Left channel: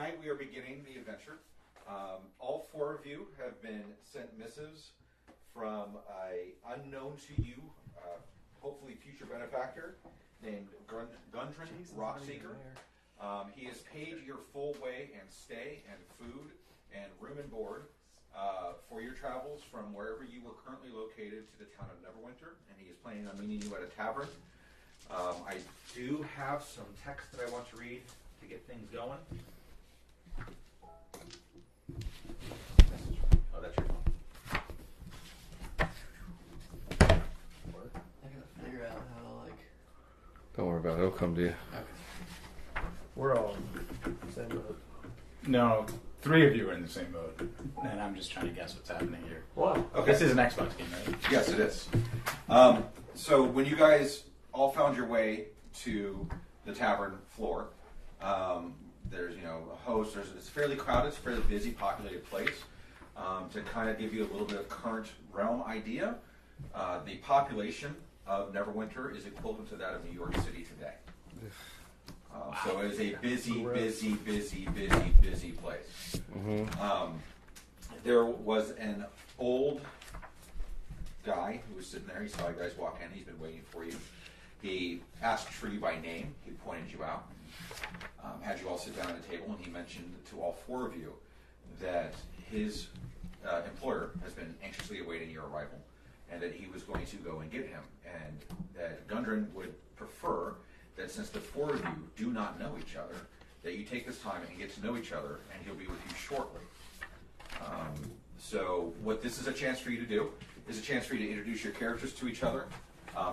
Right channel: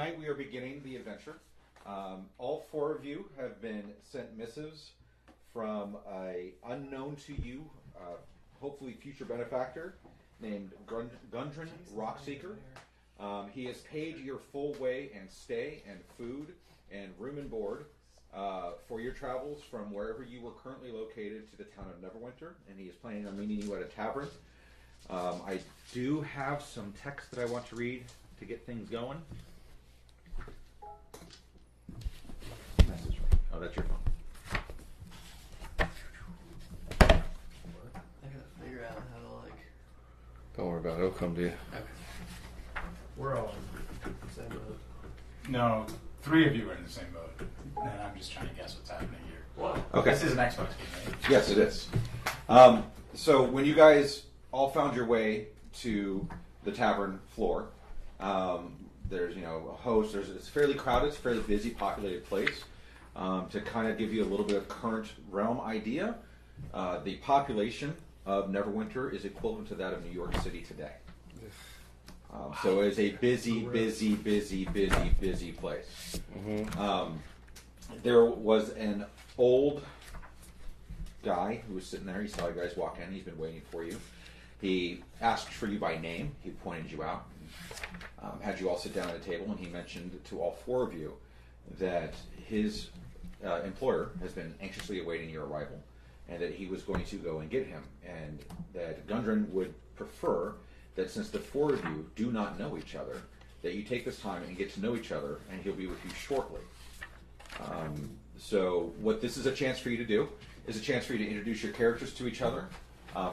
tonight we are beginning the adventure. All four of you have been sent missives from a unknown to you, hopefully future benefactor, named Gundren Rockseeker. He has paid your full way and stay and food and room and board for your travels from wherever you were currently located to the town of Neverwinter, and he is planning on meeting you at a tavern. I do have some text that I want to read to get things going. Oh, that's your phone. I gotta figure out how to Don't worry about it. It'll come to you. Okay. We're all in the same boat. No, 3 of you are in the same boat, and I'm just trying to guess what's happening here. What? Okay. This is an Xbox game, right? Yes, it is. So when you guys all found your way to the tavern floor, there's a host. It's fairly crowded. It's a fairly busy, populated place. To kind of give you a little bit of current realm idea, the population of Neverwinter is equivalent to that of New York City today. So it's a busy place. Mm-hmm. There was an old guy who was sitting there. He saw you guys walk in. He's been waiting for you. He asked for you by name. He pointed you out. Had you all sit down at a table, and he mentioned to all 4 of you that his employer has been anxiously awaiting your arrival, and that he was going to go and get him, and that Gundren would prefer that since the 4 of you do not know each other, that you take this time and get to know each other, and he'll be with you shortly. So what this is a chance for you to do is a chance for you to introduce your characters to each other.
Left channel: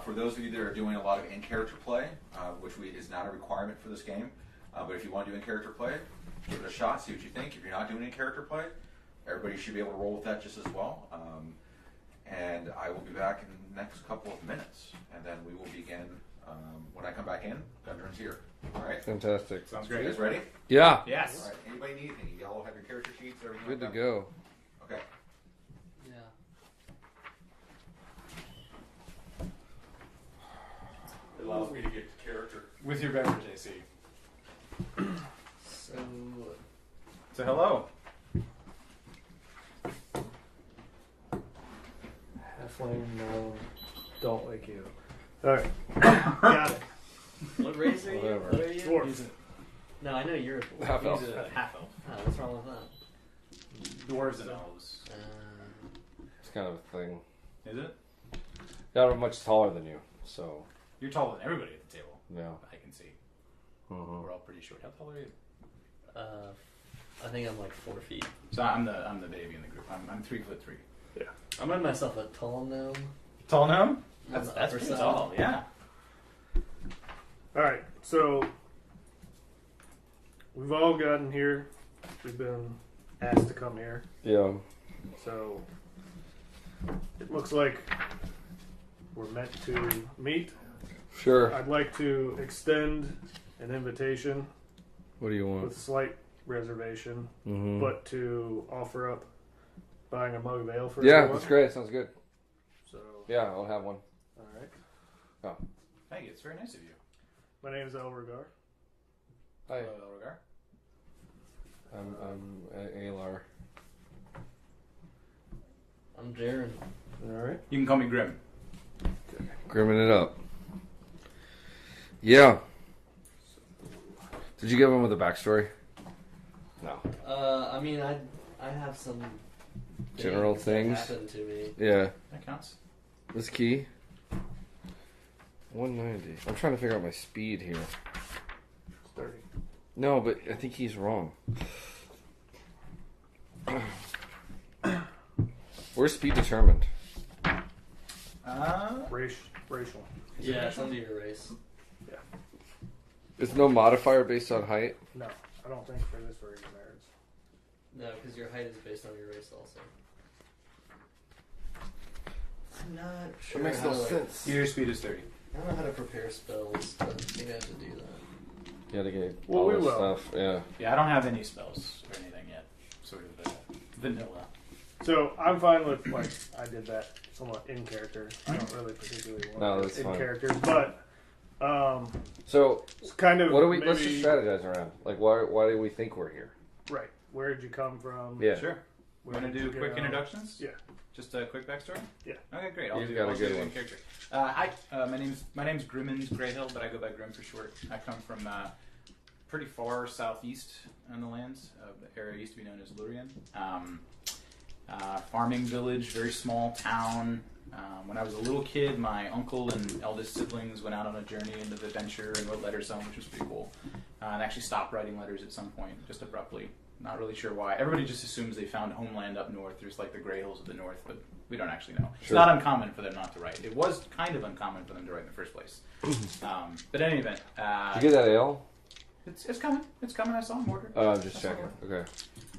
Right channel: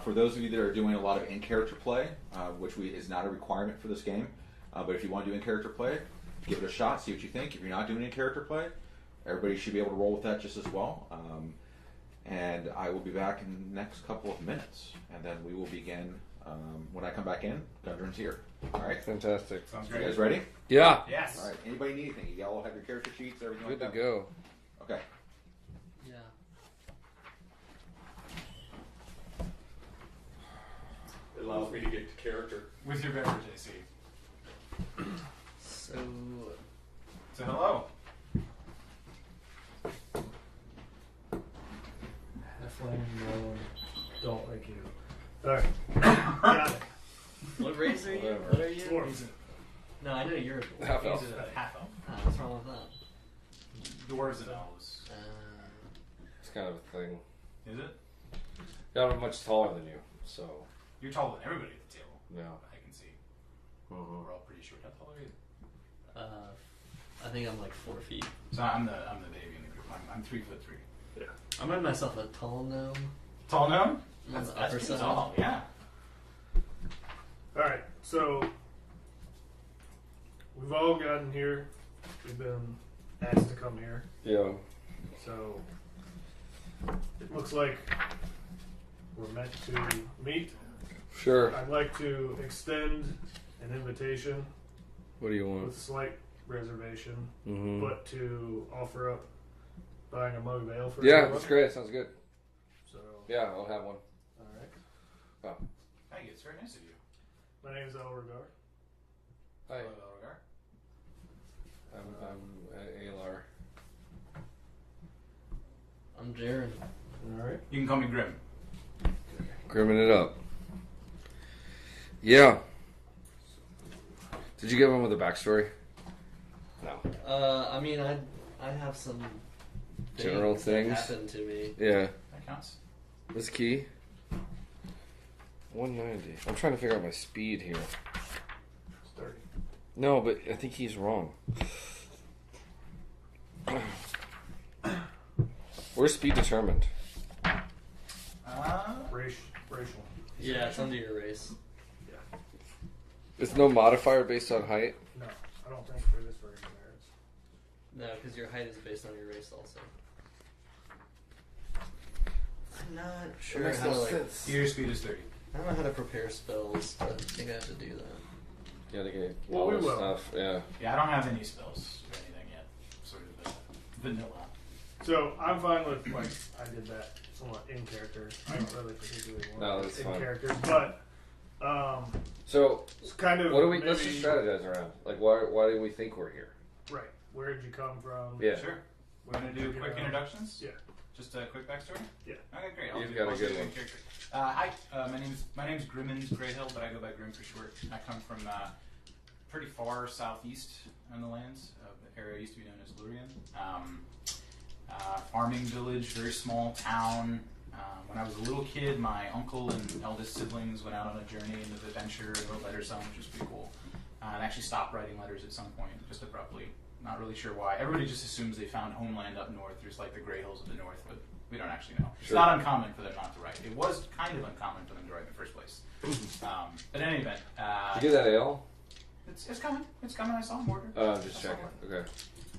For those of you that are doing a lot of in-character play, which is not a requirement for this game, but if you want to do in-character play, give it a shot, see what you think. If you're not doing in-character play, everybody should be able to roll with that just as well. And I will be back in the next couple of minutes, and then we will begin. When I come back in, Gundren's here. All right? Fantastic. Sounds You great. guys ready? Yeah. Yes. All right. Anybody need anything? You all have your character sheets, everything Good to like that? go. Okay. Yeah. It allows me to get to character. With your beverage, AC. So, So hello. Halfling, no, don't like you. Alright. Got it. what race are you? Whatever. What are you? Dwarf. No, I know you're. Half elf. He's a half elf. Oh, what's wrong with that? Dwarves and elves. It's kind of a thing. Is it? Yeah, I'm much taller than you, so You're taller than everybody at the table. yeah. I can see. Mm-hmm. We're all pretty short. How tall are you? I think I'm like 4 feet. So I'm the baby in the group. I'm 3'3". I'm in myself a tall gnome. Tall gnome? On That's the upper pretty side. tall. Yeah. Alright, so we've all gotten here. We've been asked to come here. Yeah. So it looks like we're meant to meet. Sure. I'd like to extend an invitation What do you want? with slight reservation, Mm-hmm. but to offer up buying a mug of ale for Yeah, everyone. that's great. Sounds good. So, Yeah, I'll have one. alright. Thank you. It's very nice of you. My name is Elregar. Hi, Hello, Elregar. I'm Alar. I'm Jaren. Alright. You can call me Grim. Grimming it up. Yeah. Did you give him with a backstory? No. I mean, I have some General that things? happened to me. Yeah. That counts. This key. 190. I'm trying to figure out my speed here. It's 30. No, but I think he's wrong. Where's speed determined? Racial. Yeah, it's under your race. There's no modifier based on height? No, I don't think for this version there is. No, because your height is based on your race also. I'm not sure That makes how no to, like, sense. Your speed is 30. I don't know how to prepare spells, but I think I have to do that. You gotta get Well, all we this will. stuff. Yeah. Yeah, I don't have any spells or anything yet. Sort of the vanilla. So I'm fine with like I did that somewhat in character. I don't really particularly want No, it that's in fine. character, but So, it's kind of what do we? maybe, Let's just strategize around. Like, why do we think we're here? Right. Where did you come from? Yeah. Sure. We're Where gonna did do you get quick out? introductions. Yeah. Just a quick backstory. Yeah. Okay, great. You've got a I'll good do one. character. Hi. My name's Grimmins Greyhill, but I go by Grim for short. I come from pretty far southeast on the lands. The area used to be known as Lurien. Farming village, very small town. When I was a little kid, my uncle and eldest siblings went out on a journey into adventure and wrote letters home, which was pretty cool. And actually stopped writing letters at some point, just abruptly. Not really sure why. Everybody just assumes they found homeland up north. There's like the Grey Hills of the north, but we don't actually know. It's not uncommon for them not to write. It was kind of uncommon for them to write in the first place. But in any event, Did you get that ale? it's coming. It's coming. I saw him order. Oh, I'm just checking. Okay.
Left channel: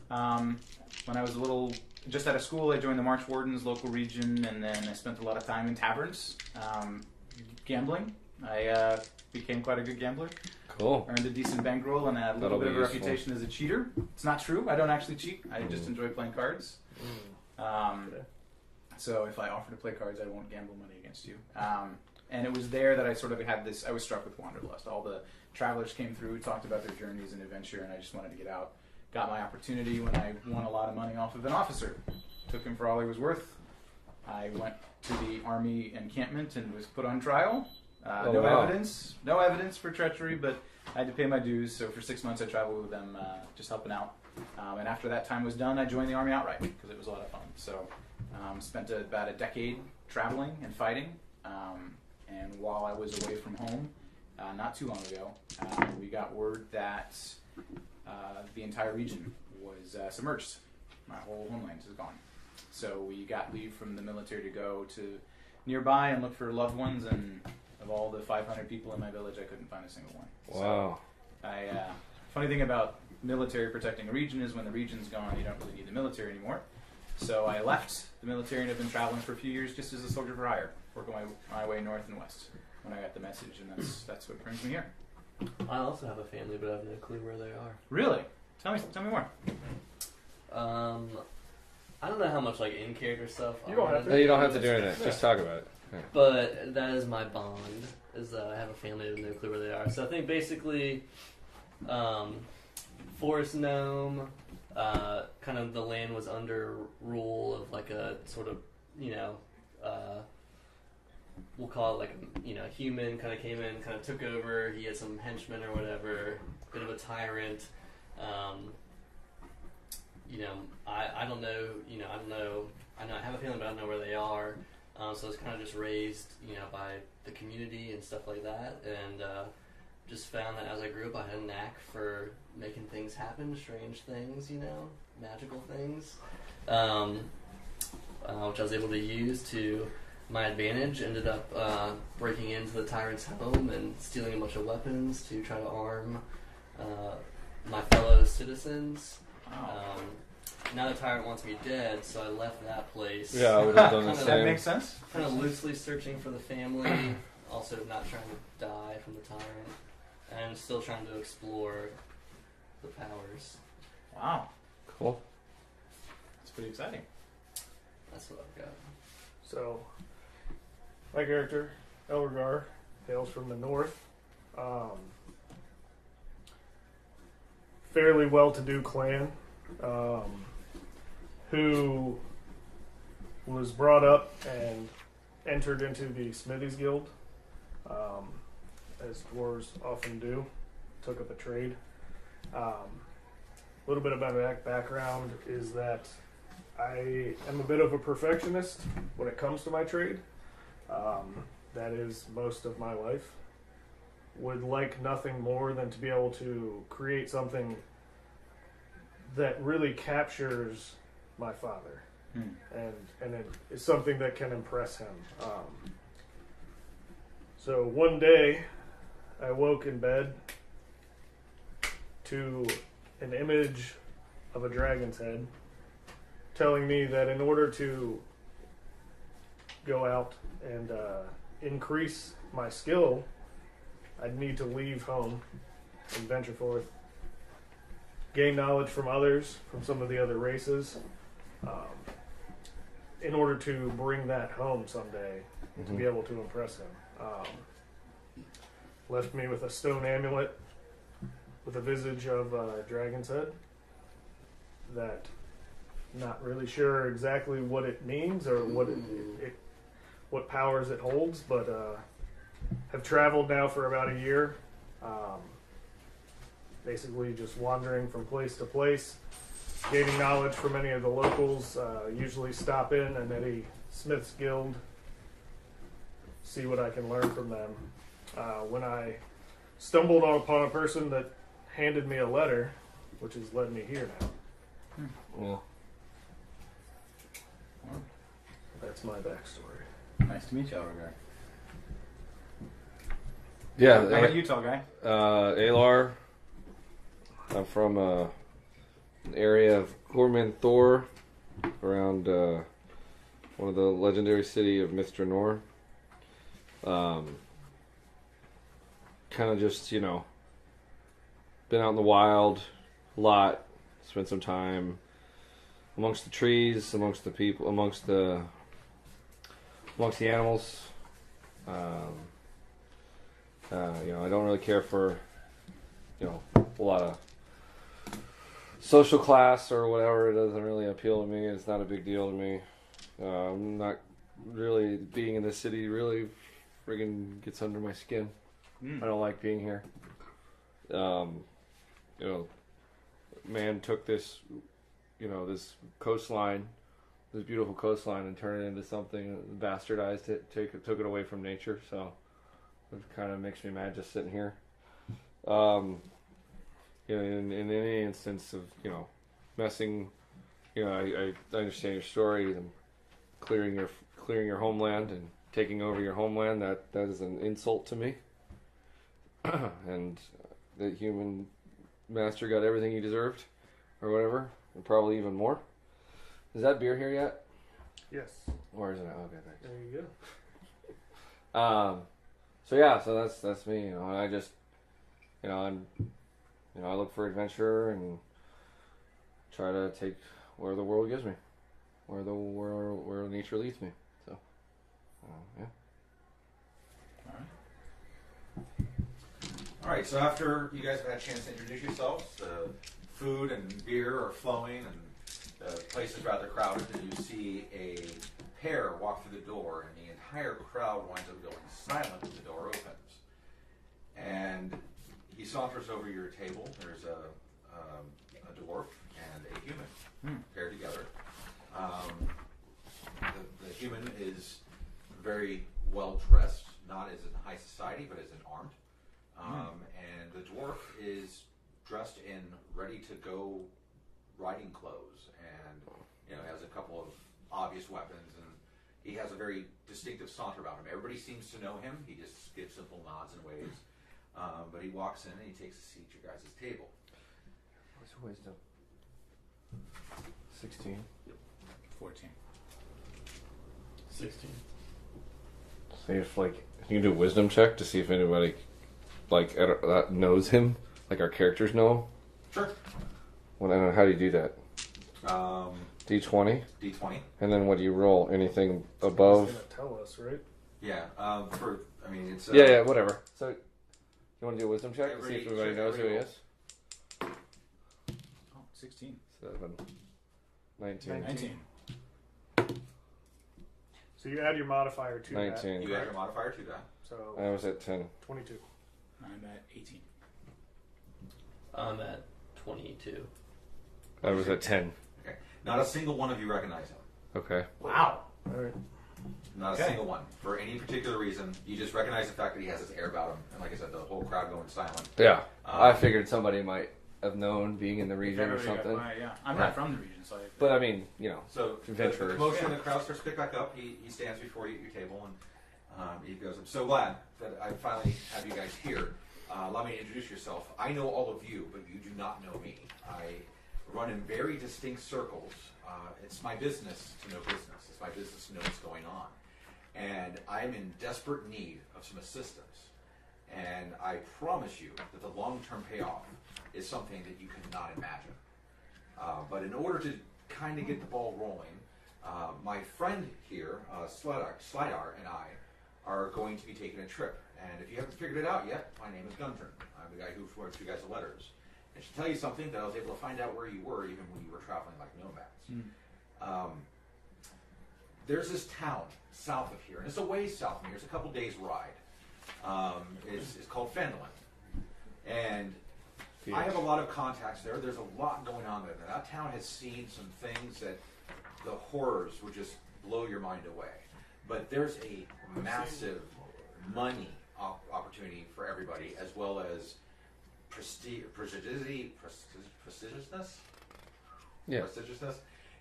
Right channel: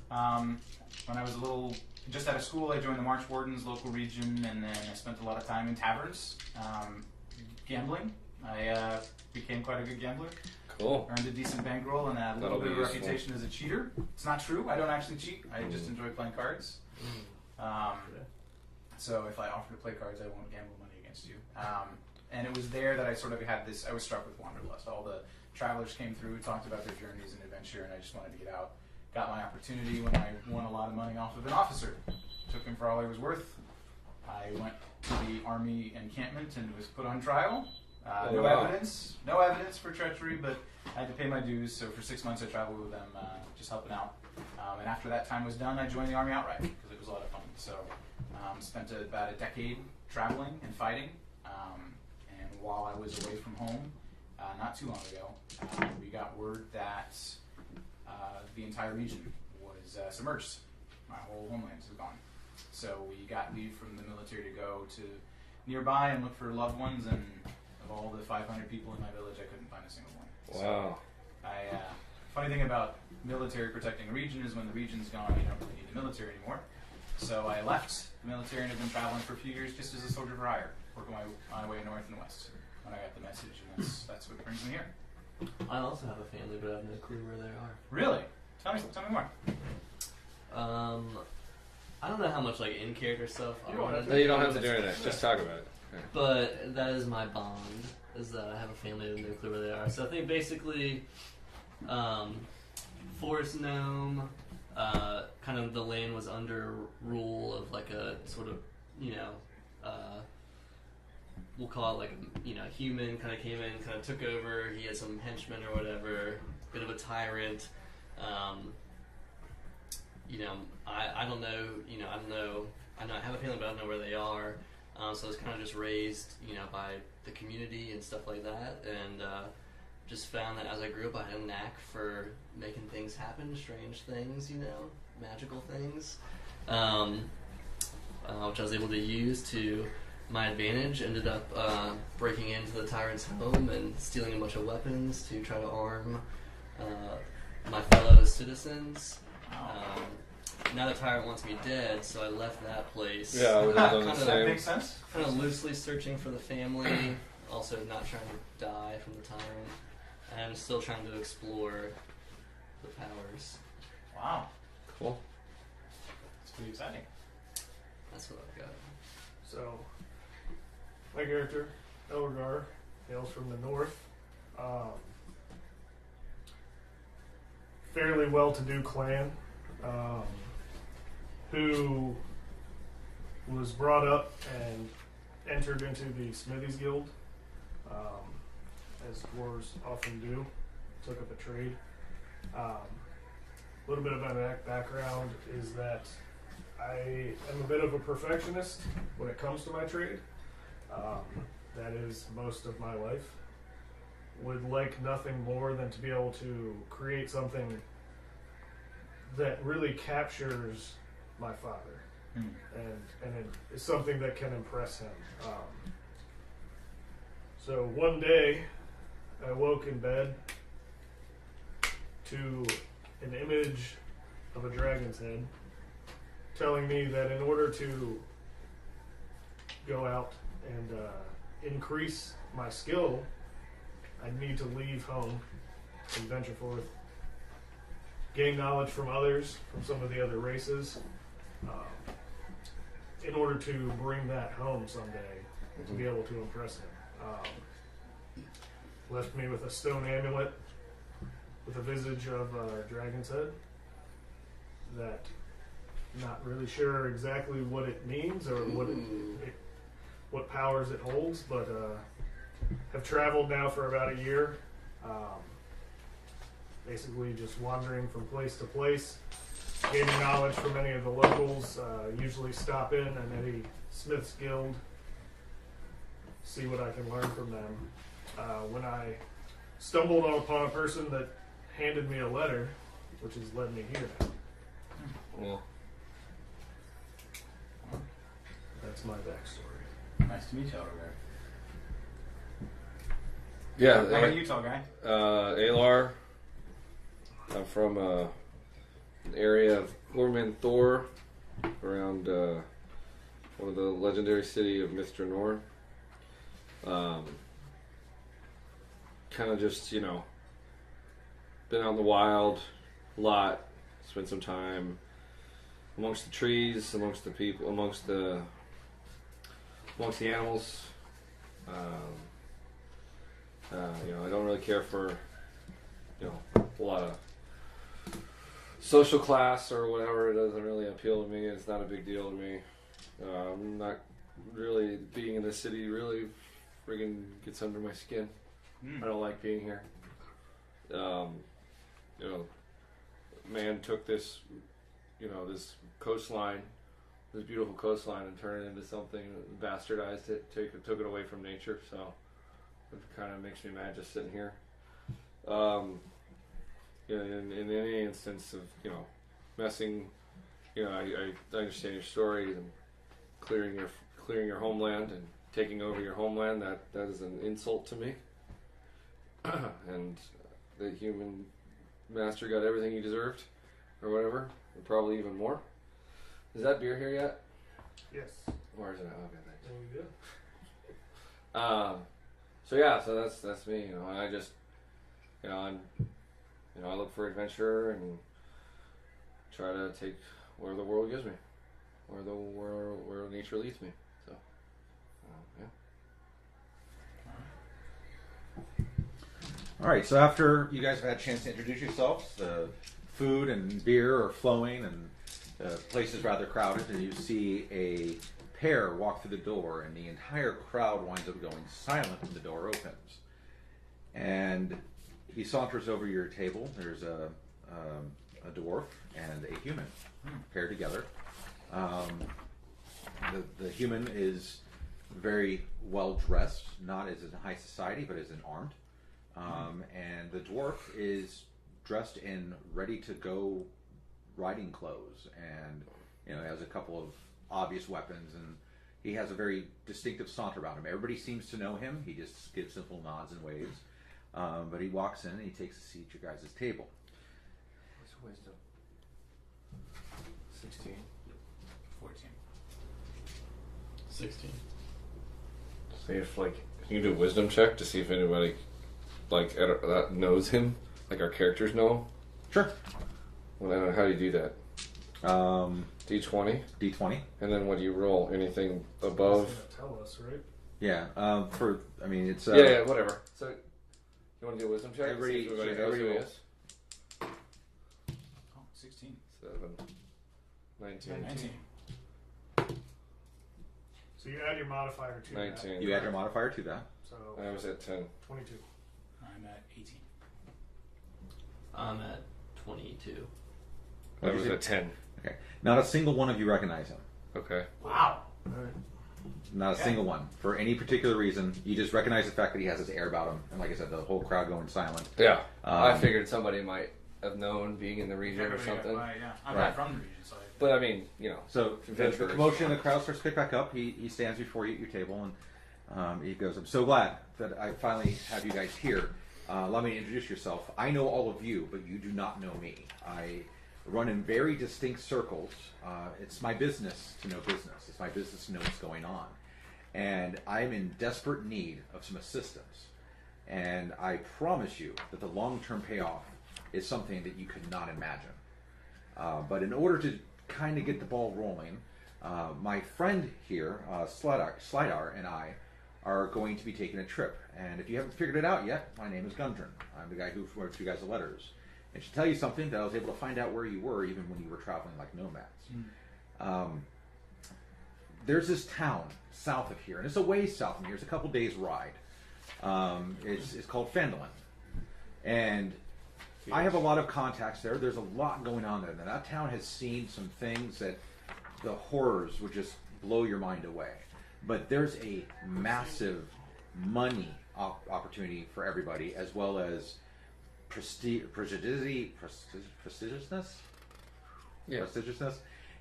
When I was a little, just out of school, I joined the March Wardens local region, and then I spent a lot of time in taverns, gambling. I became quite a good gambler. Cool. Earned a decent bankroll and had a That'll little bit of be a useful. reputation as a cheater. It's not true. I don't actually cheat. I just enjoy playing cards. So if I offer to play cards, I won't gamble money against you. And it was there that I sort of had this, I was struck with wanderlust. All the travelers came through, talked about their journeys and adventure, and I just wanted to get out. Got my opportunity when I won a lot of money off of an officer. Took him for all he was worth. I went to the army encampment and was put on trial. No evidence for treachery, but I had to pay my dues. So for 6 months, I traveled with them, just helping out. And after that time was done, I joined the army outright because it was a lot of fun. So spent about a decade traveling and fighting. And while I was away from home, not too long ago, we got word that the entire region was submerged. My whole homeland is gone. So we got leave from the military to go to nearby and look for loved ones, and of all the 500 people in my village, I couldn't find a single one. Wow. So funny thing about military protecting a region is when the region's gone, you don't really need the military anymore. So I left the military and have been traveling for a few years just as a soldier for hire, working my way north and west when I got the message, and that's what brings me here. I also have a family, but I have no clue where they are. Really? Tell me more. I don't know how much like in character stuff. You don't have to. No, you don't have to do anything. Just talk about it. Okay. But that is my bond. Is that I have a family with no clue where they are. So I think basically, forest gnome. Kind of the land was under rule of like a sort of we'll call it like a human kind of came in, kind of took over. He had some henchmen or whatever, bit of a tyrant. I don't know. I know I have a feeling, but I don't know where they are. So it's kind of just raised, by the community and stuff like that, and just found that as I grew up, I had a knack for making things happen, strange things, magical things, which I was able to use to my advantage. Ended up breaking into the tyrant's home and stealing a bunch of weapons to try to arm my fellow citizens. Now the tyrant wants me dead, so I left that place. Yeah, I would have done the That same. makes sense. Kind of loosely searching for the family, also not trying to die from the tyrant, and still trying to explore the powers. Wow, Cool. that's pretty exciting. That's what I've got. So, my character, Elgar, hails from the north. Fairly well-to-do clan, who was brought up and entered into the Smithies Guild, as dwarves often do. Took up a trade. A little bit about that background is that I am a bit of a perfectionist when it comes to my trade. That is most of my life. Would like nothing more than to be able to create something that really captures my father, and it is something that can impress him. So one day, I woke in bed to an image of a dragon's head telling me that in order to go out and increase my skill, I'd need to leave home and venture forth, gain knowledge from others, from some of the other races, in order to bring that home someday, to be able to impress him. Left me with a stone amulet with a visage of a dragon's head, that not really sure exactly what it means or what powers it holds, but have traveled now for about a year. Basically just wandering from place to place, gaining knowledge from any of the locals, usually stop in and Eddie Smith's Guild, see what I can learn from them. When I stumbled upon a person that handed me a letter, which has led me here now. Well, That's my backstory. Nice to meet you, Autograph. yeah. How about you, tall guy? Alar. I'm from an area of Gorman Thor, around one of the legendary city of Mr. Nor. Kind of just, been out in the wild a lot, spent some time amongst the trees, amongst the people, amongst the animals. I don't really care for, a lot of social class or whatever. It doesn't really appeal to me. It's not a big deal to me. I'm not really being in the city really friggin' gets under my skin. I don't like being here. Man took this, this coastline, this beautiful coastline, and turned it into something, bastardized it, took it away from nature. So it kind of makes me mad just sitting here. In any instance of messing, I understand your story and clearing your homeland and taking over your homeland. That is an insult to me. And the human master got everything he deserved, or whatever, and probably even more. Is that beer here yet? Yes. Or is it? Okay, thanks. There you go. So that's me. I just, I look for adventure and try to take where the world gives me, where nature leads me. So, yeah. All right, so after you guys have had a chance to introduce yourselves, the food and beer are flowing and the place is rather crowded, and you see a pair walk through the door, and the entire crowd winds up going silent when the door opens. And he saunters over your table. There's a dwarf and a human paired together. The human is very well dressed, not as in high society, but as in armed. And the dwarf is dressed in ready-to-go riding clothes, and has a couple of obvious weapons, and he has a very distinctive saunter about him. Everybody seems to know him. He just gives simple nods and waves. But he walks in and he takes a seat at your guys' table. What's your wisdom? 16. 14. 16. See if you can do a wisdom check to see if anybody that knows him, like our characters know him. Sure. Well, how do you do that? D20. D20. And then what do you roll? Anything above? It's gonna tell us, right? Yeah. It's Yeah, whatever. So, you want to do a wisdom check to see if Everybody- everybody knows who he is? Oh, 16. 7. 19. 19. So you add your modifier to 19. You add your modifier to that. that. So I was at 10. 22. I'm at 18. I'm at 22. I was at 10. Okay. Not a single one of you recognize him. Okay. Wow. All right. Not a single one. For any particular reason, you just recognize the fact that he has this air about him. And like I said, the whole crowd going silent. Yeah. I figured somebody might have known being in the region or Everybody got something. by, yeah. I'm Right. not from the region, so But I mean, So the adventurers. commotion in the crowd starts to pick back up. He stands before you at your table and he goes, "I'm so glad that I finally have you guys here. Allow me to introduce yourself. I know all of you, but you do not know me. I run in very distinct circles. It's my business to know business. It's my business to know what's going on. And I'm in desperate need of some assistance. And I promise you that the long-term payoff is something that you could not imagine. But in order to kind of get the ball rolling, my friend here, Slidar, and I are going to be taking a trip. And if you haven't figured it out yet, my name is Gundren. I'm the guy who wrote you guys the letters. And she'll tell you something that I was able to find out where you were even when you were traveling like nomads. There's this town south of here, and it's a ways south of here. It's a couple days ride. It's called Phandeliver. And I have a lot of contacts there. There's a lot going on there. Now, that town has seen some things that the horrors would just blow your mind away. But there's a massive money opportunity for everybody, as well as prestigiousness, prestigiousness,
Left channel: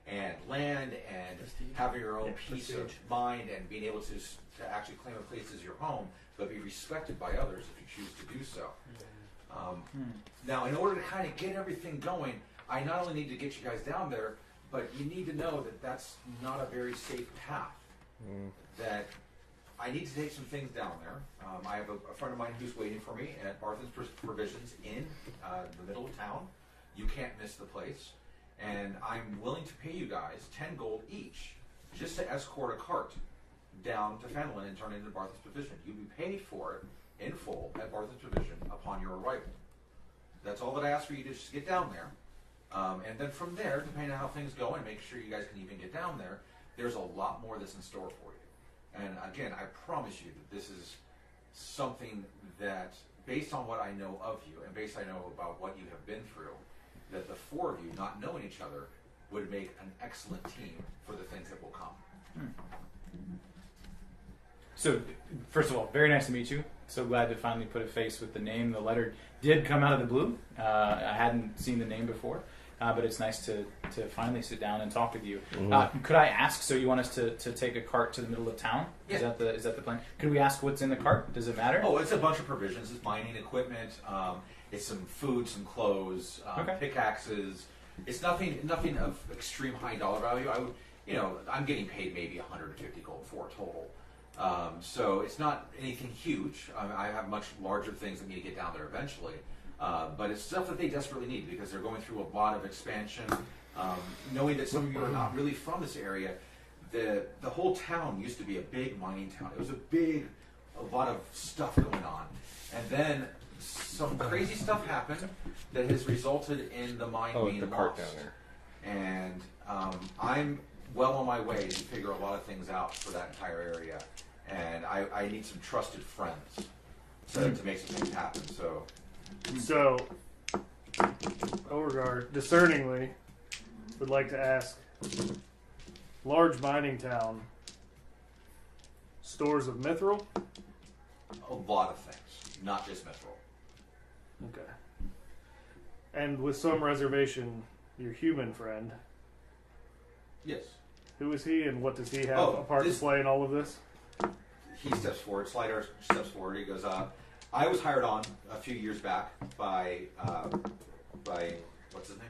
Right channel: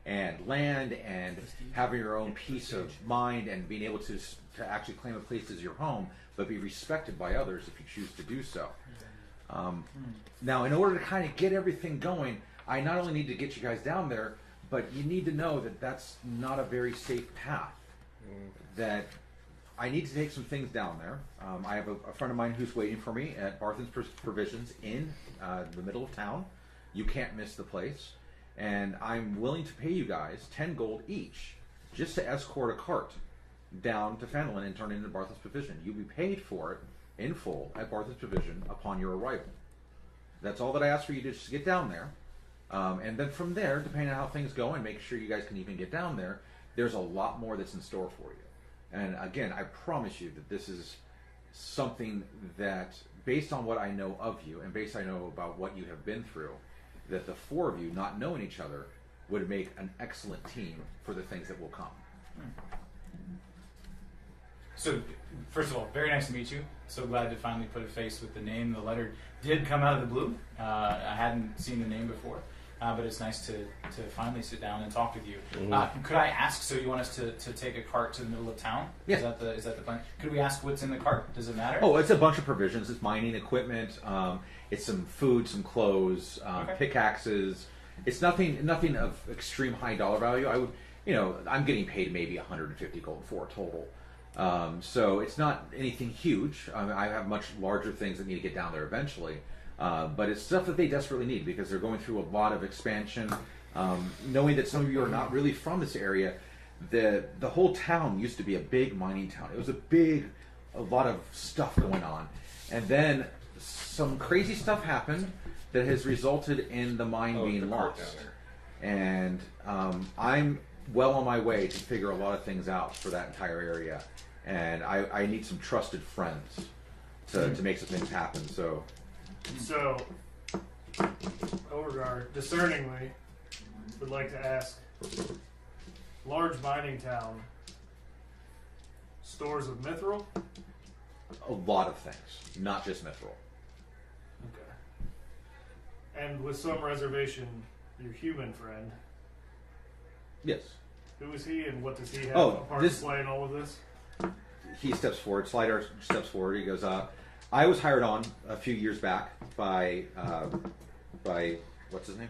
and land, and having your own peace of mind, and being able to actually claim a place as your home, but be respected by others if you choose to do so. Now, in order to kind of get everything going, I not only need to get you guys down there, but you need to know that that's not a very safe path. That I need to take some things down there. I have a friend of mine who's waiting for me at Barthen's Provisions in the middle of town. You can't miss the place. And I'm willing to pay you guys 10 gold each just to escort a cart down to Phandeliver and turn it into Barthen's Provision. You'll be paid for it in full at Barthen's Provision upon your arrival. That's all that I ask for you to just get down there. And then from there, depending on how things go and make sure you guys can even get down there, there's a lot more that's in store for you. And again, I promise you that this is something that, based on what I know of you and based on I know about what you have been through, that the four of you, not knowing each other, would make an excellent team for the things that will come. So, first of all, very nice to meet you. So glad to finally put a face with the name. The letter did come out of the blue. I hadn't seen the name before, but it's nice to finally sit down and talk with you. Could I ask, so you want us to take a cart to the middle of town? Yeah. Is that the plan? Could we ask what's in the cart? Does it matter? Oh, it's a bunch of provisions. It's mining equipment. It's some food, some clothes, pickaxes. It's nothing of extreme high dollar value. I would, I'm getting paid maybe 150 gold for it total. So it's not anything huge. I have much larger things that need to get down there eventually. But it's stuff that they desperately need because they're going through a lot of expansion. Knowing that some of you are not really from this area, the whole town used to be a big mining town. It was a lot of stuff going on. And then some crazy stuff happened that has resulted in the mine being lost. Down there. And I'm well on my way to figure a lot of things out for that entire area. And I need some trusted friends to make some things happen. So, Beauregard, discerningly, would like to ask, large mining town, stores of mithril? A lot of things, not just mithril. Okay. And with some reservation, your human friend, Yes. who is he and what does he have Oh, a part to play in all of this? He steps forward, Slider steps forward. He goes, I was hired on a few years back by what's his name?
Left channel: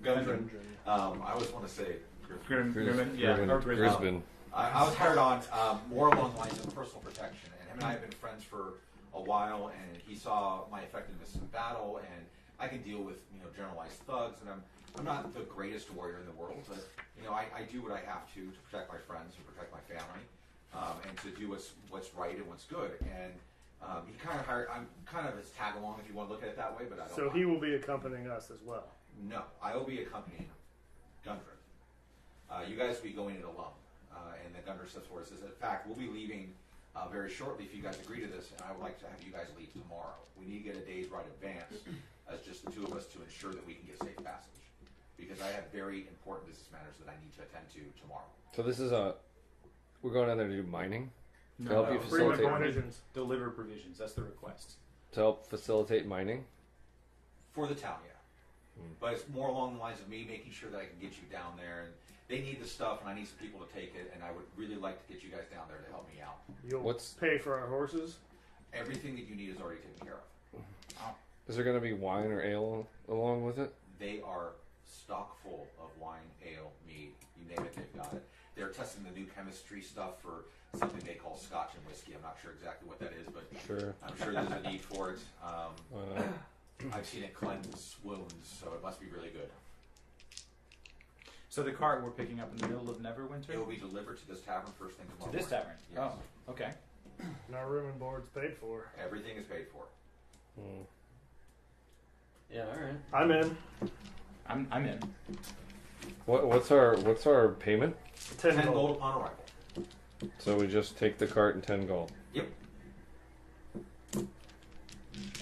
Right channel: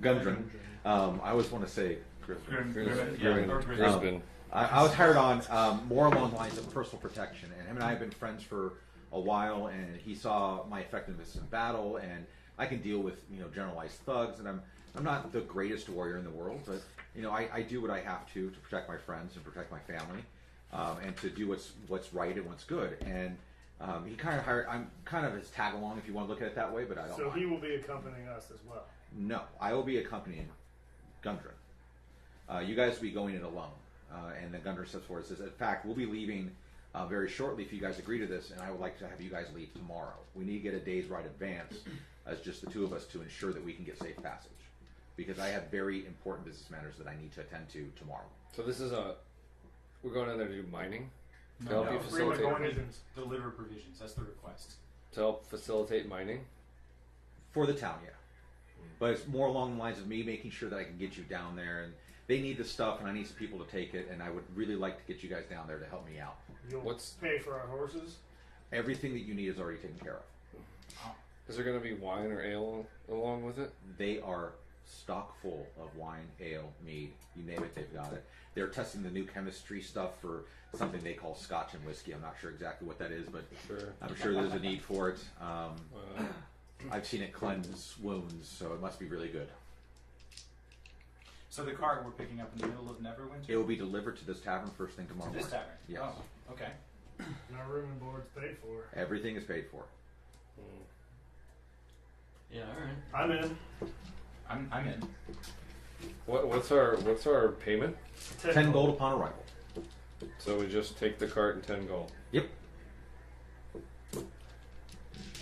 Gundren. I always want to say Grisbin. I was hired on more along the lines of personal protection, and him and I have been friends for a while. And he saw my effectiveness in battle, and I can deal with generalized thugs. And I'm not the greatest warrior in the world, but I do what I have to protect my friends and protect my family, and to do what's right and what's good. And he kind of hired. I'm kind of his tag along, if you want to look at it that way. But I don't. So he will be accompanying us as well. No, I will be accompanying Gundren. You guys will be going it alone. And then Gundren steps forward and says, in fact, we'll be leaving very shortly if you guys agree to this, and I would like to have you guys leave tomorrow. We need to get a day's ride advance as just the two of us to ensure that we can get safe passage. Because I have very important business matters that I need to attend to tomorrow. So this is we're going down there to do mining? To No, help no, you Bring the facilitate provisions. Deliver provisions. That's the request. to help facilitate mining? For the town, yeah. But it's more along the lines of me making sure that I can get you down there, and they need the stuff, and I need some people to take it, and I would really like to get you guys down there to help me out. You'll pay for our horses? Everything that you need is already taken care of. Is there going to be wine or ale along with it? They are stock full of wine, ale, mead, you name it, they've got it. They're testing the new chemistry stuff for something they call scotch and whiskey. I'm not sure exactly what that is, but Sure. I'm sure there's a need for it. I've seen it cleanse wounds, so it must be really good. So the cart we're picking up in the middle of Neverwinter? It will be delivered to this tavern first thing tomorrow To this morning. tavern? Yes. Oh, okay. And our room and board's paid for. Everything is paid for. Yeah, all right. I'm in. I'm in. What's our payment? 10 gold upon arrival. So we just take the cart and 10 gold. Yep.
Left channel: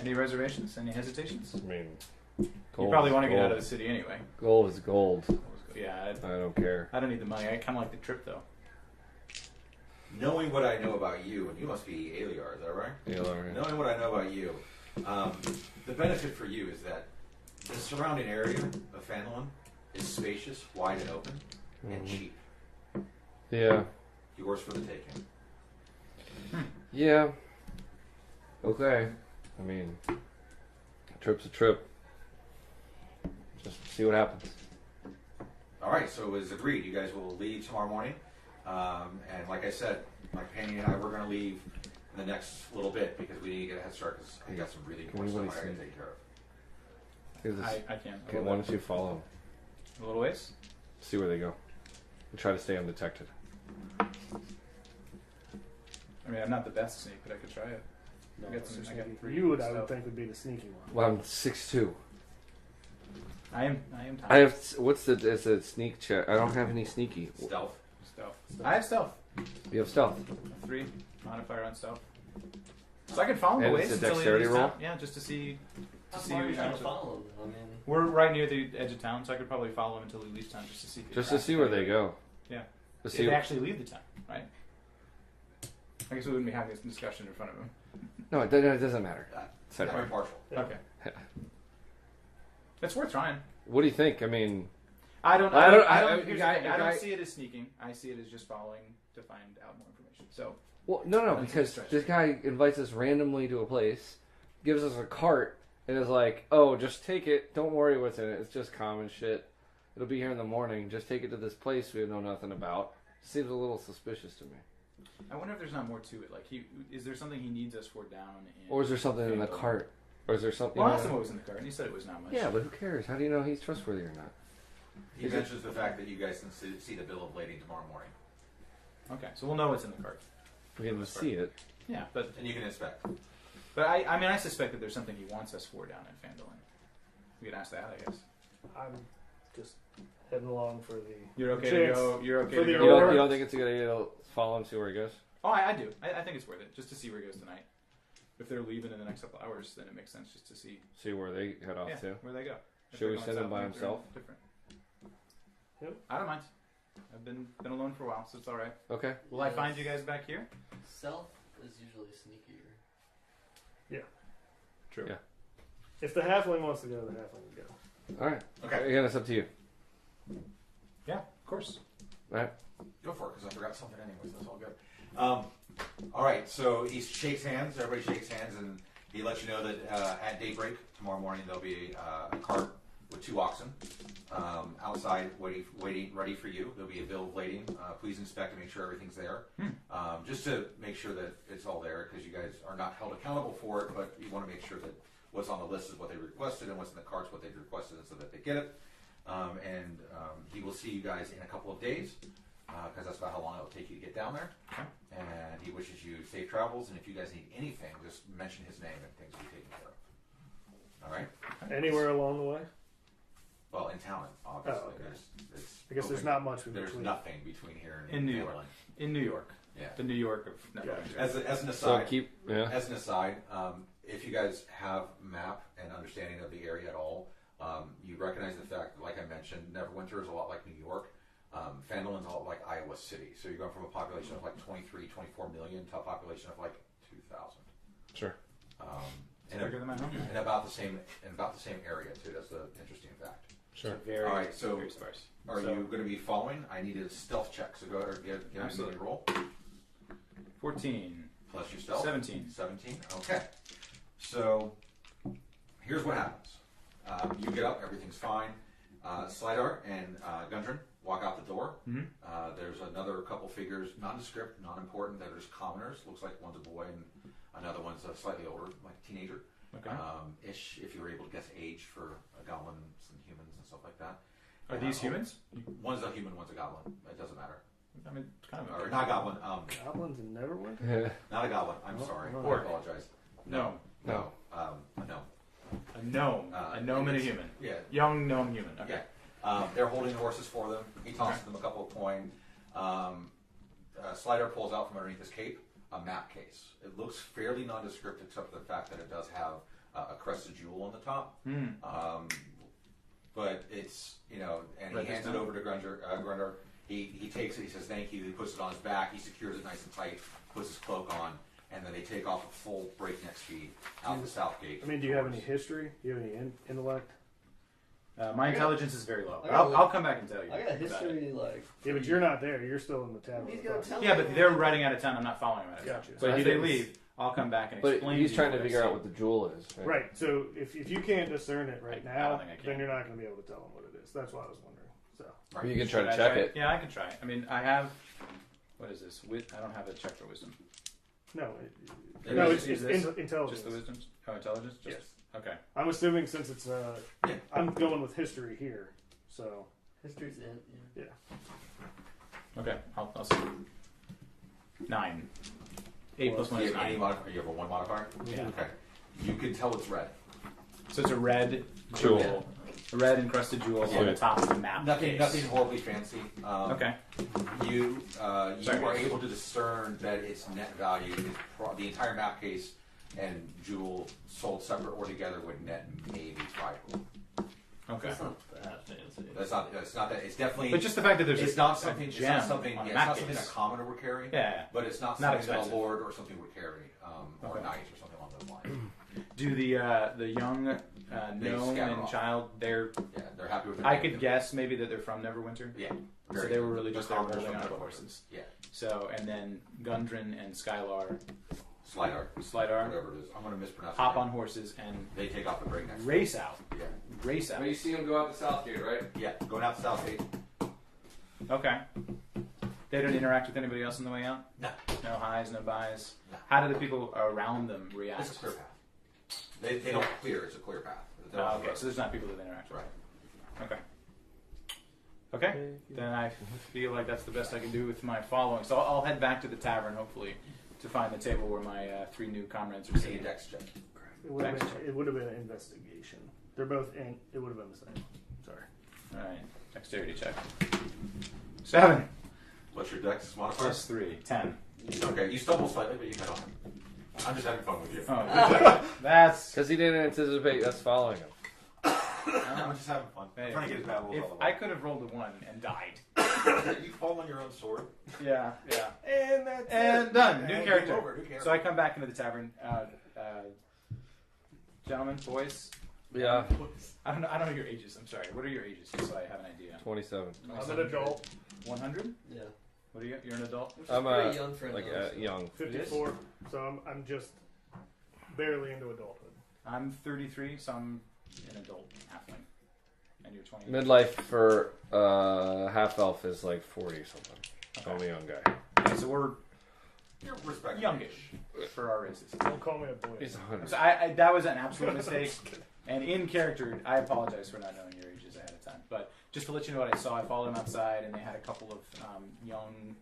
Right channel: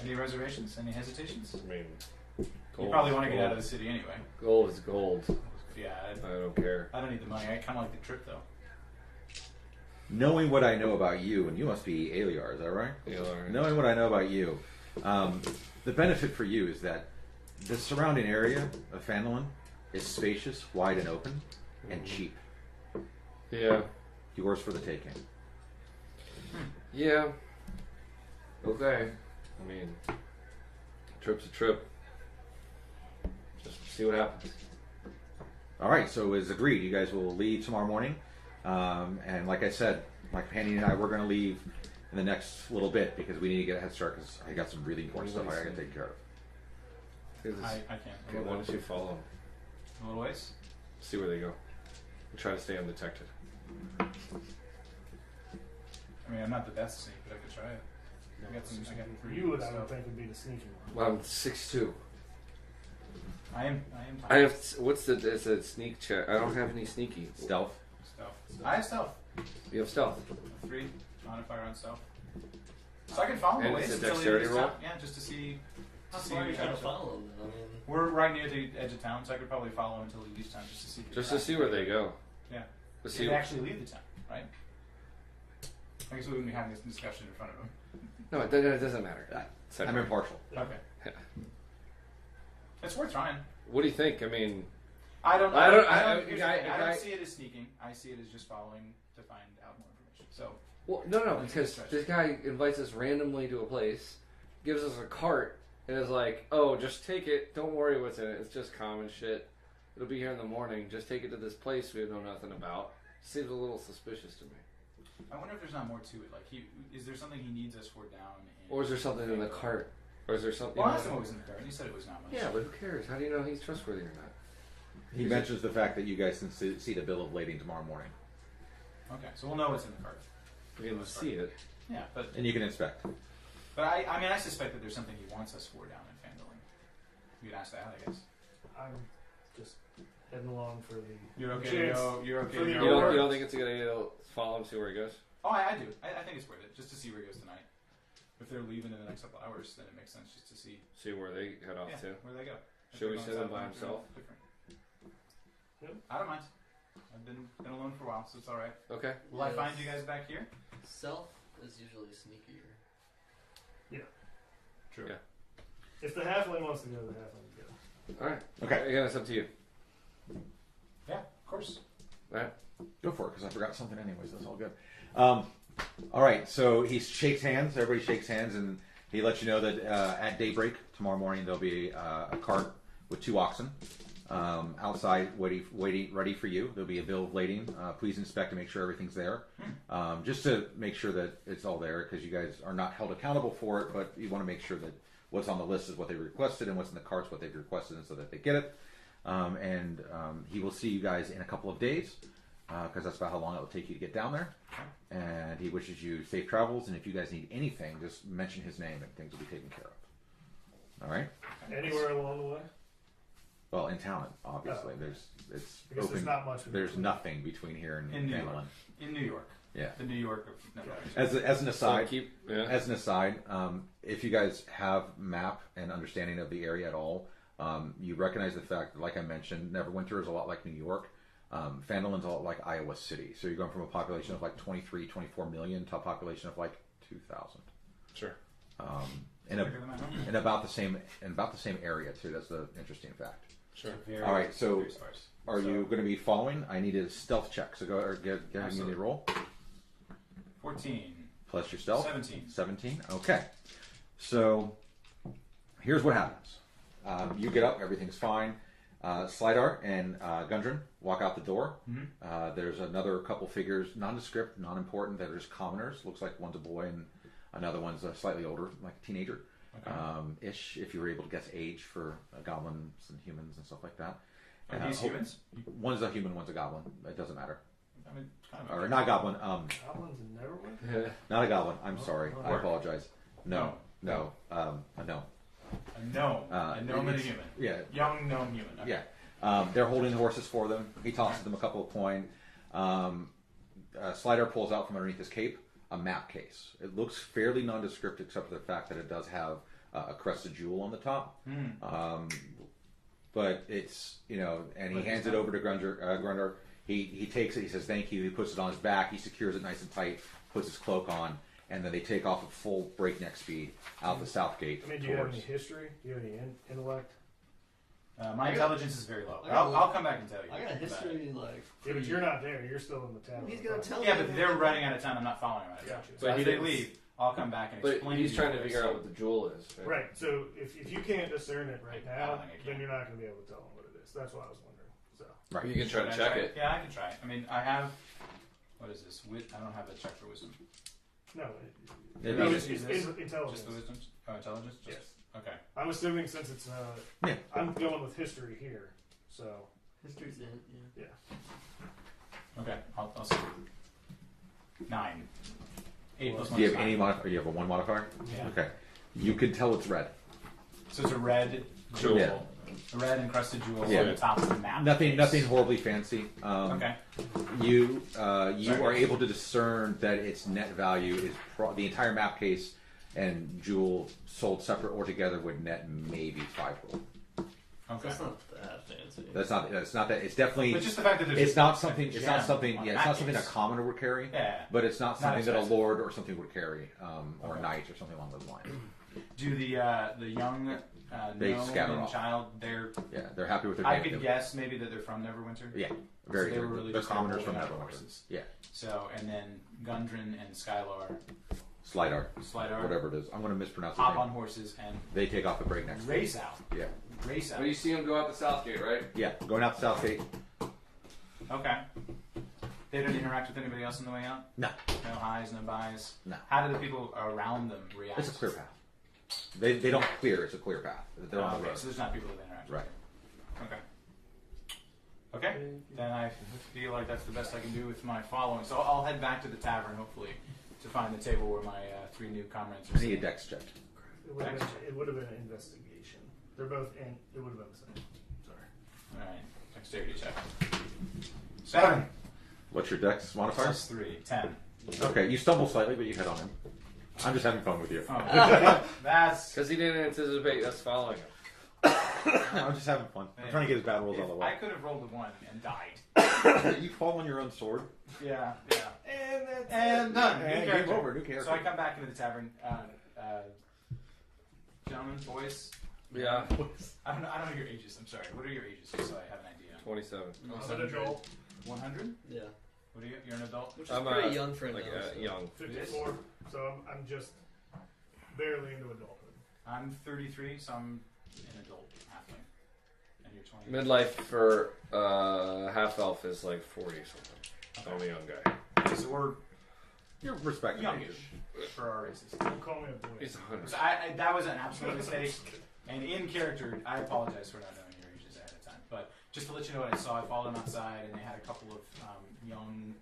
Any reservations? Any hesitations? I mean, You gold probably is want to get gold. out of the city anyway. Gold is gold. Yeah, I don't care. I don't need the money. I kind of like the trip though. Knowing what I know about you, and you must be Aliar, is that right? Aliar, yeah. Knowing what I know about you, the benefit for you is that the surrounding area of Phandeliver is spacious, wide and open, and cheap. Yeah. Yours for the taking. Yeah. Okay. I mean, a trip's a trip. Just see what happens. All right, so as agreed, you guys will leave tomorrow morning. And like I said, my companion and I, we're going to leave in the next little bit because we need to get a head start because I got some really important stuff I got to take care of. I can't. Okay, why don't you follow them? A little ways. See where they go. And try to stay undetected. I mean, I'm not the best snake, but I could try it. No, I got some. I got for three you, I stuff. would think would be the sneaky one. Well, I'm 6'2". I am. I have. What's the? It's a sneak check. I don't have any sneaky. Stealth. Stealth. I have stealth. You have stealth. 3 modifier on stealth. So I can follow the And ways it's a until dexterity he leaves roll? town. Yeah, just to see. How To far are you see trying to what follow them? I mean, We're right near the edge of town, so I could probably follow him until he leaves town, just to see. Just to see where they go. Yeah. To If see. they actually leave the town, right? I guess we wouldn't be having this discussion in front of him. No, it doesn't matter. I'm impartial. Okay. It's worth trying. What do you think? I mean, I don't. I I don't- don't, I don't, I- here's the guy- thing, I guy- don't see it as sneaking. I see it as just following to find out more information. So well, no, That's a because stretch. this guy invites us randomly to a place, gives us a cart, and is like, "Oh, just take it. Don't worry what's in it. It's just common shit. It'll be here in the morning. Just take it to this place we know nothing about." Seems a little suspicious to me. I wonder if there's not more to it. Like, is there something he needs us for down? Or is there something in the cart? Or is there something? Well, I asked him what was in the cart, and he said it was not much. Yeah, but who cares? How do you know he's trustworthy or not? He mentions the fact that you guys can see the bill of lading tomorrow morning. Okay, so we'll know what's in the cart. We can see it. Yeah, but And you can inspect. I mean, I suspect that there's something he wants us for down in Phandeliver. We could ask that, I guess. I'm just heading along for the. You're okay chance. to go. You're okay For to the go. You don't think it's a good idea to follow him, see where he goes? Oh, I do. I think it's worth it just to see where he goes tonight. If they're leaving in the next couple hours, then it makes sense just to see See where they head off to. where they go. If Should we they're send him going by south, they're himself? different. Yep. I don't mind. I've been alone for a while, so it's all right. Okay. Will I find you guys back here? Stealth is usually sneakier. True. Yeah. If the halfling wants to go, the halfling will go. All right. Okay. Again, it's up to you. Yeah, of course. All right. Go for it, because I forgot something anyways. That's all good. All right, so he shakes hands. Everybody shakes hands, and he lets you know that at daybreak tomorrow morning there'll be a cart with 2 oxen outside waiting, ready for you. There'll be a bill of lading. Please inspect to make sure everything's there. Just to make sure that it's all there, because you guys are not held accountable for it, but you want to make sure that what's on the list is what they requested, and what's in the cart's what they've requested, and so that they get it. He will see you guys in a couple of days, because that's about how long it will take you to get down there. And he wishes you safe travels, and if you guys need anything, just mention his name and things will be taken care of. All right? Anywhere along the way? Well, in town, obviously. Oh, okay. It's Because open. there's not much in There's between. nothing between here and In New York. Maryland. In New York. Yeah. The New York of. No, Yeah. As an So aside, keep. Yeah. as an aside, if you guys have map and understanding of the area at all, you recognize the fact that, like I mentioned, Neverwinter is a lot like New York. Phandeliver's a lot like Iowa City. So you're going from a population of like 23, 24 million to a population of like 2,000. Sure. And, bigger than my home. and about the same area too. That's the interesting fact. Sure. Very, All right, so very sparse. Are So, you going to be following? I need a stealth check. So go or give me a Absolutely. roll 14, plus your stealth. 17. 17. Okay. So here's what happens. You get up. Everything's fine. Slidar and Gundren walk out the door. Mhm. There's another couple figures, nondescript, non-important. That are just commoners. Looks like one's a boy and another one's slightly older, like a teenager. Okay. Ish, if you were able to guess age for goblins and humans and stuff like that. Are these humans? One's a human, one's a goblin. It doesn't matter. I mean, kind of. Or not goblin. Goblins and Neverwinter? Yeah. Not a goblin. I'm sorry. oh. I apologize. No. No. No. A gnome. A gnome and a human. Yeah. Young gnome human. Okay. Yeah. They're holding the horses for them. He tosses them a couple of coin. Slider pulls out from underneath his cape a map case. It looks fairly nondescript except for the fact that it does have a crested jewel on the top. But it's, and he hands it over to Grunder. He takes it, he says thank you, he puts it on his back, he secures it nice and tight, puts his cloak on, and then they take off at full breakneck speed out the south gate. I mean, do you have any history? Do you have any intellect? My intelligence is very low. I'll come back and tell you. I got a history like. Yeah, but you're not there. You're still in the tavern. He's gonna tell me. Yeah, but they're running out of town. I'm not following them out of town. Gotcha. So But as they leave, I'll come back and But explain. he's to trying you to what I figure out see. what the jewel is. Right? Right. So if you can't discern it right I now, don't think I can. then you're not going to be able to tell him what it is. That's what I was wondering. So Right. You can try Should to I check try it. Yeah, I can try. I mean, I have. What is this? I don't have a check for wisdom. no, Maybe no, we it's should use intelligence. Just the wisdom? Oh, intelligence? Just, Yes. Okay. I'm assuming since it's Yeah. I'm going with history here. So History's in. Yeah. Okay. I'll see. 9. 8 plus Do 1 you is have any 9. modifier? You have a 1 modifier? Yeah. Okay. You can tell it's red. So it's a red Jewel. jewel. A red encrusted jewel Yeah. on the top of the map. Nothing horribly fancy. Okay. You are able to discern that its net value is the entire map case and jewel sold separate or together would net maybe 5 gold. Okay. That's not that fancy. That's not. It's not that. It's definitely. But just the fact that there's It's just not a something. It's gem not something. on Yeah, the it's not map something a case. commoner would carry. Yeah. But it's not Not something that a expensive. lord or something would carry, or Okay. a knight or something along those lines. Do the young They gnome scatter and off. child, they're Yeah, they're happy with their. I day. could guess maybe that they're from Neverwinter. Yeah, So very. they were really the just commoners rolling from on Neverwinter. horses. Yeah, So, and then Gundren and Skylar, Slidar, Slidar, whatever it is. I'm going to mispronounce. hop his on name. horses and They take off the breakneck. race out. Yeah, Race out. But you see him go out the south gate, right? yeah. Going out the south gate. Okay. They don't interact with anybody else on the way out? No, No highs, no buys? no. How do the people around them react? It's a clear path. They don't clear. It's a clear path. They're on the Okay, road. so there's not people that interact. Right. Okay. Okay. Then I feel like that's the best I can do with my following. So I'll head back to the tavern, hopefully, to find the table where my 3 new comrades are See a sitting. dex check. it would have been an investigation. They're both in. It would have been the same. Sorry. All right. Dexterity check. 7 What's your dex modifier? plus 3. 10. Okay, you stumble slightly, but you hit on him. I'm just having fun with you. Oh, that's. Because he didn't anticipate us following him. I'm just having fun. I'm trying to get his bad rolls out of the I way. could have rolled a 1 and died. You fall on your own sword. Yeah, yeah. And that's And done. New And character. game over. New character. So I come back into the tavern. Gentlemen, boys. Yeah, I don't know your ages. I'm sorry. What are your ages, just so I have an idea? 27. I'm an adult. 100? Yeah. What are you? You're an adult. Which is I'm pretty young for like an elf, so. young. 54. So I'm just barely into adulthood. I'm 33, so I'm an adult halfling. And you're 20. Midlife for half elf is like 40 something. So I'm a young guy. Okay, so we're You're respected. youngish for our races. Don't call me a boy. He's 100. So I that was an absolute mistake. And in character, I apologize for not knowing your ages ahead of time. But just to let you know what I saw, I followed them outside, and they had a couple of young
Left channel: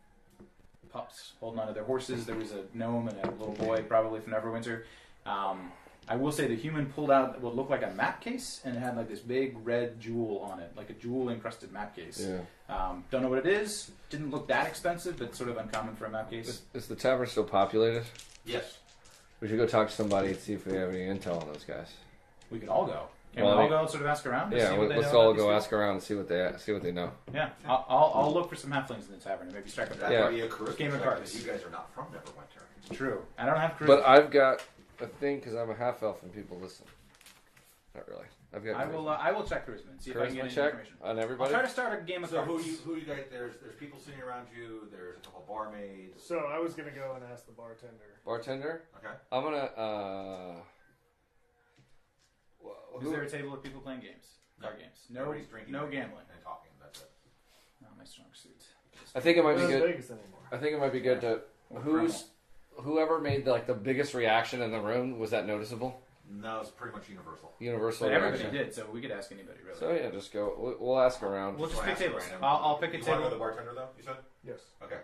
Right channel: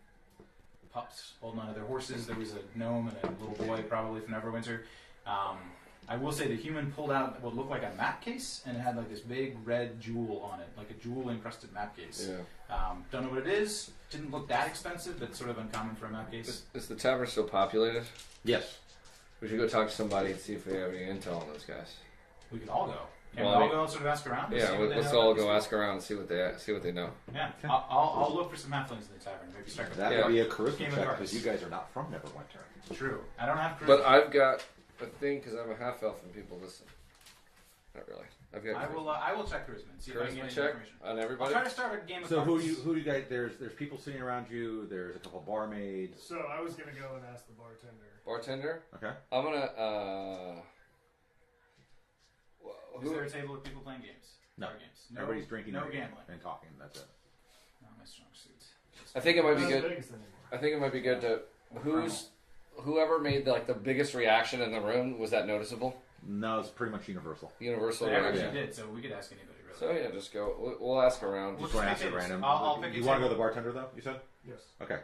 pups holding onto their horses. There was a gnome and a little boy, probably from Neverwinter. I will say the human pulled out what looked like a map case, and it had like this big red jewel on it, like a jewel encrusted map case. Yeah. Don't know what it is. Didn't look that expensive, but sort of uncommon for a map case. Is the tavern still populated? Yes. We should go talk to somebody and see if we have any intel on those guys. We could all go. Can Well, we I all mean- go and sort of ask around? and Yeah, see what they let's know all about go these ask around and see what they know. people? Yeah, I'll look for some halflings in the tavern and maybe strike a That Yeah. would be a charisma Game of check cards. because you guys are not from Neverwinter. True. I don't have charisma. But I've got a thing because I'm a half elf and people listen. Not really. I've got I will check charisma and see if I can get charisma any check information. on I'll everybody. try to start a game of So cards. who you guys? There's people sitting around you. There's a couple barmaids. So I was gonna go and ask the bartender. Bartender. Okay. I'm gonna. Is there a table with people playing games? No. Card games. No, Everybody's drinking. No and gambling. and talking. That's it. Not my strong suit. I think it might be Not in good. Vegas anymore. I think it might be good to whoever made the biggest reaction in the room. Was that noticeable? No, it's pretty much universal. Universal But everybody reaction. did, so we could ask anybody really. So yeah, just go. We'll ask around. We'll Just want to pick ask at tables. random. I'll pick a You want to go table. to the bartender though? You said. Yes. Okay.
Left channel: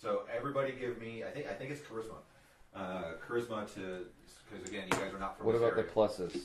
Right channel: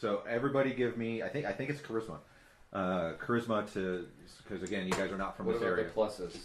So everybody give me. I think it's charisma. Charisma to because again, you guys are not from What this about area. the pluses?